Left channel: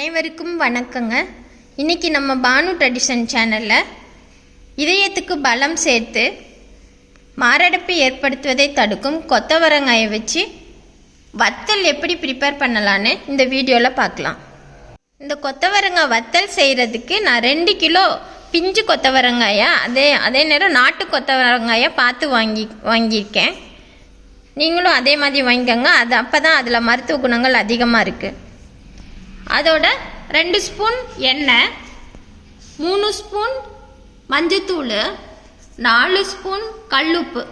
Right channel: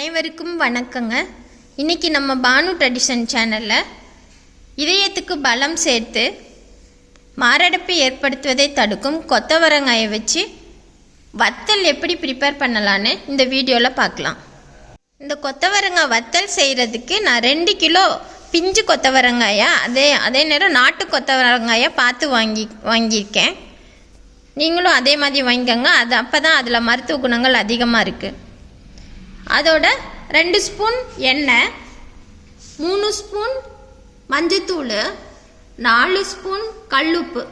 அனைவருக்கும் வணக்கங்க. இன்னைக்கு நம்ம பானு ட்ரெடிஷன் சேனலில் இதயத்துக்கு பலம் சேர்த்து மாரடைப்பு ஏற்படுத்துவதை தடுக்கும் கொத்தவரங்காயை வச்சு வத்தல் எப்படி ப்ரிப்பேர் பண்ணலான்னு இந்த வீடியோவில் பார்க்கலாம். இந்த கொத்தவரங்காய் வத்தல் செய்கிறதுக்கு நான் 2 கிலோ பிஞ்சு கொத்தவரங்காயை அதே நேரம் நாட்டு கொத்தவரங்காயை பார்த்து வாங்கியிருக்கேன். நீங்களும் அதே மாதிரி வாங்கிக்கோங்க. அப்போ தான் அதில் மருத்துவ குணங்கள் அதிகமாக இருக்குது. அதோட 2 ஸ்பூன் எண்ணெய், 3 ஸ்பூன் மஞ்சத்தூள், 4 ஸ்பூன் கல்லுப்பு,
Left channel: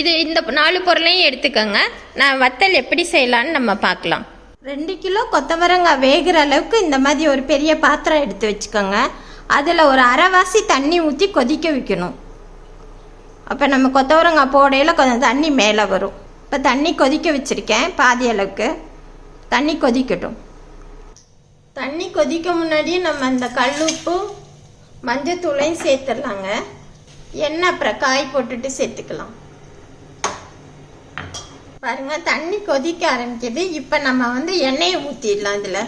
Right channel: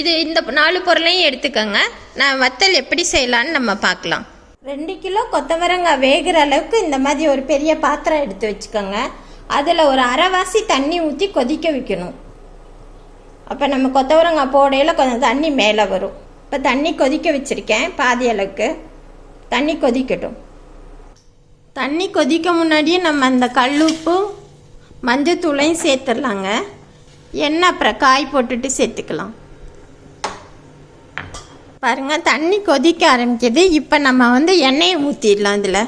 இந்த 4 பொருளையும் எடுத்துக்கோங்க. நான் வத்தல் எப்படி செய்யலான்னு நம்ம பார்க்கலாம். 2 கிலோ கொத்தவரங்காய் வேகிற அளவுக்கு இந்த மாதிரி ஒரு பெரிய பாத்திரம் எடுத்து வச்சுக்கோங்க. அதில் ஒரு அரைவாசி தண்ணி ஊற்றி கொதிக்க வைக்கணும். அப்போ நம்ம கொத்தவரங்காய் போடையில் கொஞ்சம் தண்ணி மேலே வரும். இப்போ தண்ணி கொதிக்க வச்சுருக்கேன். பாதி அளவுக்கு தண்ணி கொதிக்கட்டும். தண்ணி கொதிக்க முன்னாடியே நம்ம அந்த கல்லுப்பு மஞ்சத்தூளையும் சேர்த்துடலாங்க. எண்ணெய் அப்புறம் காய் போட்டுட்டு சேர்த்துக்கலாம். பாருங்கள், தண்ணி கொதிக்க ஆரம்பிக்குது. இப்போ நம்ம எண்ணெயை ஊற்றிடலாம். இதில்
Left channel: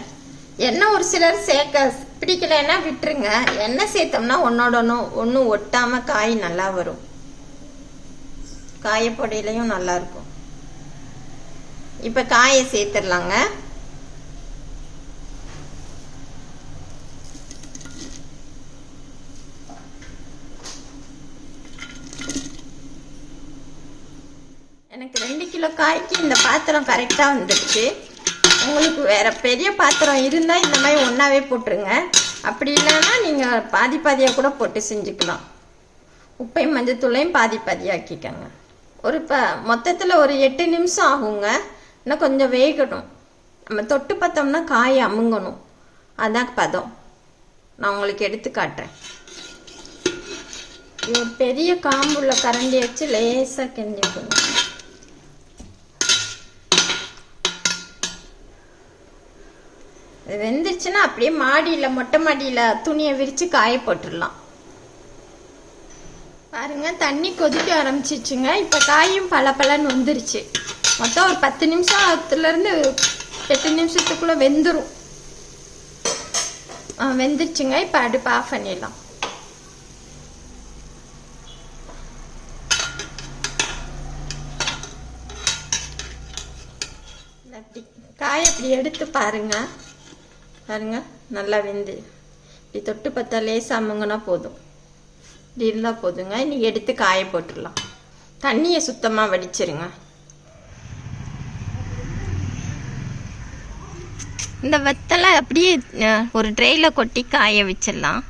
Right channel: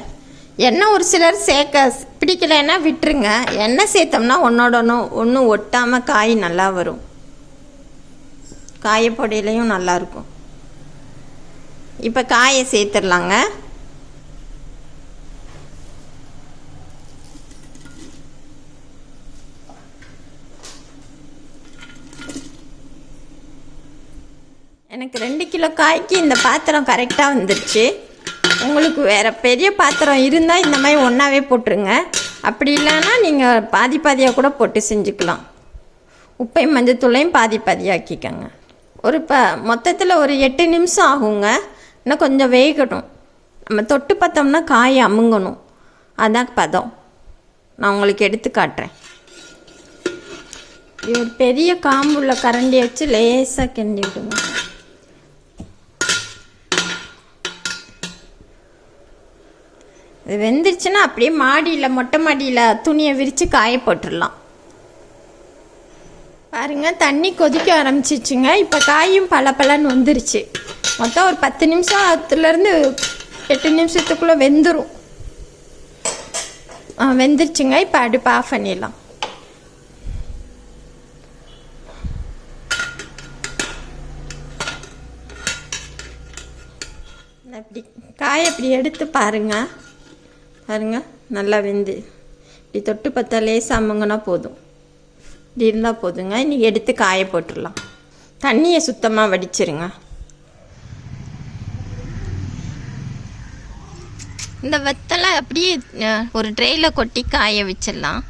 எண்ணெய் ஒரு சிலர் சேர்க்க பிடிக்கலைன்னா விட்டுருங்க. எண்ணெய் சேர்த்தோம்னா ஒன்று ஒட்டாமல் காய் நல்லா வரும். காயப்பொடியிலையும் நல்லாயிருக்கும். இப்போ காயை சேர்த்துடலாங்க. எனக்கு 2 கிலோ காய்க்கு இந்த பாத்திரம் கரெக்டாக வந்துடுச்சு. உங்களுக்கு வேறு பெரிய பாத்திரம் இருந்தால் இந்த மாதிரி ஒன்றாவே போட்டுருங்க. அப்படி இல்லைன்னா நீங்கள் பாதியாக கூட போட்டு செஞ்சுக்கலாம். உப்பையும் மஞ்சத்தூளையும் பாதியாக்கிக்கோங்க. மொத்தத்தில் ஒரு 8 நிமிஷம் ஆகுங்க. இன்னும் கொஞ்சம் வேகணும். நம்ம தொட்டு பார்த்தோம்னா காய் அமுங்கணும். அதான் பதம். நான் உங்களுக்கு எடுத்து காட்டுறேன். இது பெரிய காம்புள்ள கரண்டி வச்சு லேசாக கிண்டிக்கணும். இது வெந்துருச்சுன்னா அப்படியே மொட்டை மாடியில் துணியை விரித்து காய போட்டுடலாம். பாருங்கள், தண்ணி கொதிக்க ஆரம்பிச்சிச்சுங்க. இப்போ காயும் பலன்னு வந்துருச்சு. மொத்தம் ஒரு 10 நிமிஷத்துலேருந்து 8 நிமிஷத்துக்குள்ளே வெந்துடும். வெந்துருச்சுங்க. இப்போ அடுப்பு ஆஃப் பண்ணிடலாம். அப்படி காயை அப்படி எடுத்து பாருங்க. நல்லா வெந்து இப்படி தொட்டு பார்த்தா லேசாக அமுங்கன்னா போதும். இப்படி இருந்தால் போதுங்க. இன்றைக்கி எடுத்து காய போட்டுடலாம். தண்ணியை சுத்தமாக வடிச்சிருங்க. இந்த வத்தலை அப்படியே ஒரு ட்ரேயில் கொட்டி காய வச்சிடலாம்.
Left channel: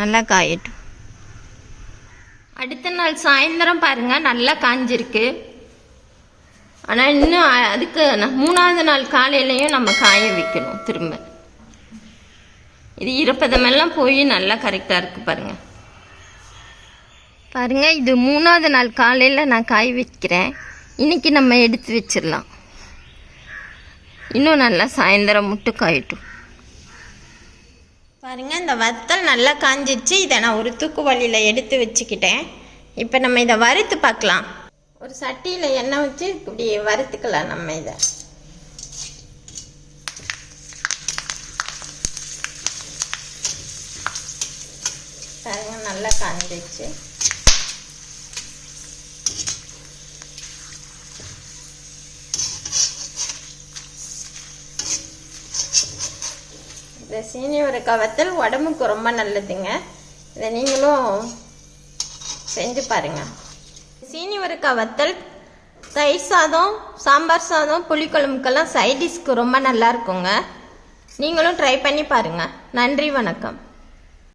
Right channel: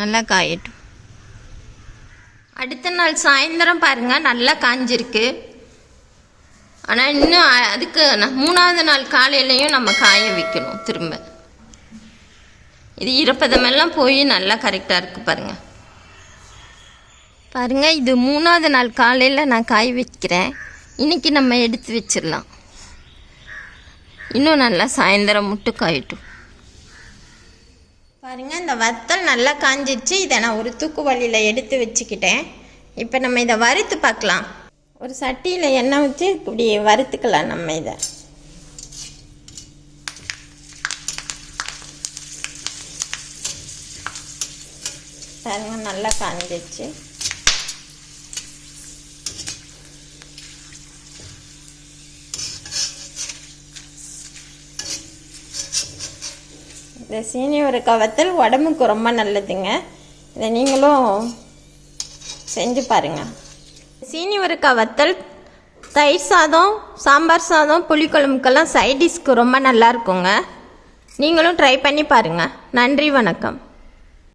நல்லா காயட்டும். அடுத்த நாள் சாயந்தரம் பாருங்கள், நல்லா காஞ்சிருக்கு. ஆனால் இன்னும் அதுக்கு 3ஆவது நாள் காலையிலையும் நம்ம காய வைக்கணும். திரும்ப இது ஈரப்பதமெல்லாம் போய் நல்லா கரெக்டாக இருக்குது. பாருங்கள், இது 3ஆவது நாள் காலையில் நான் காய வைக்கிறேன். இன்றைக்கி நம்ம எடுத்து வச்சிடலாம். இன்னும் நல்லா சாயந்தரம் முட்டு காயட்டும். பாருங்கள், இந்த வத்தல் நல்லா காஞ்சிடுச்சு. இதை நான் ஒரு தூக்குவலியில் எடுத்து வச்சுக்கிட்டேன். இப்போ நம்ம இதை வறுத்து பார்க்கலாம். ஒரு சட்டியில் எண்ணெய் வச்சு இப்படி வறுத்துக்கலாம். நம்ம இதை பாருங்க, நல்லா காஞ்சிடுச்சு. இந்த சீனி அவரைக்காய் வத்தல் உடம்புக்கு ரொம்ப நல்லதுங்க. இதை நீங்களும் செஞ்சு பாருங்கள். சீனி அவரைக்காய் வத்தல் தயிர் சாதம், சாம்பார் சாதம், புளிக்குழம்புக்கெல்லாம் சைட் டிஷ்க்கு ரொம்ப நல்லா இருக்குங்க. நீங்களும் ட்ரை பண்ணி பாருங்கள். நன்றி, வணக்கம்.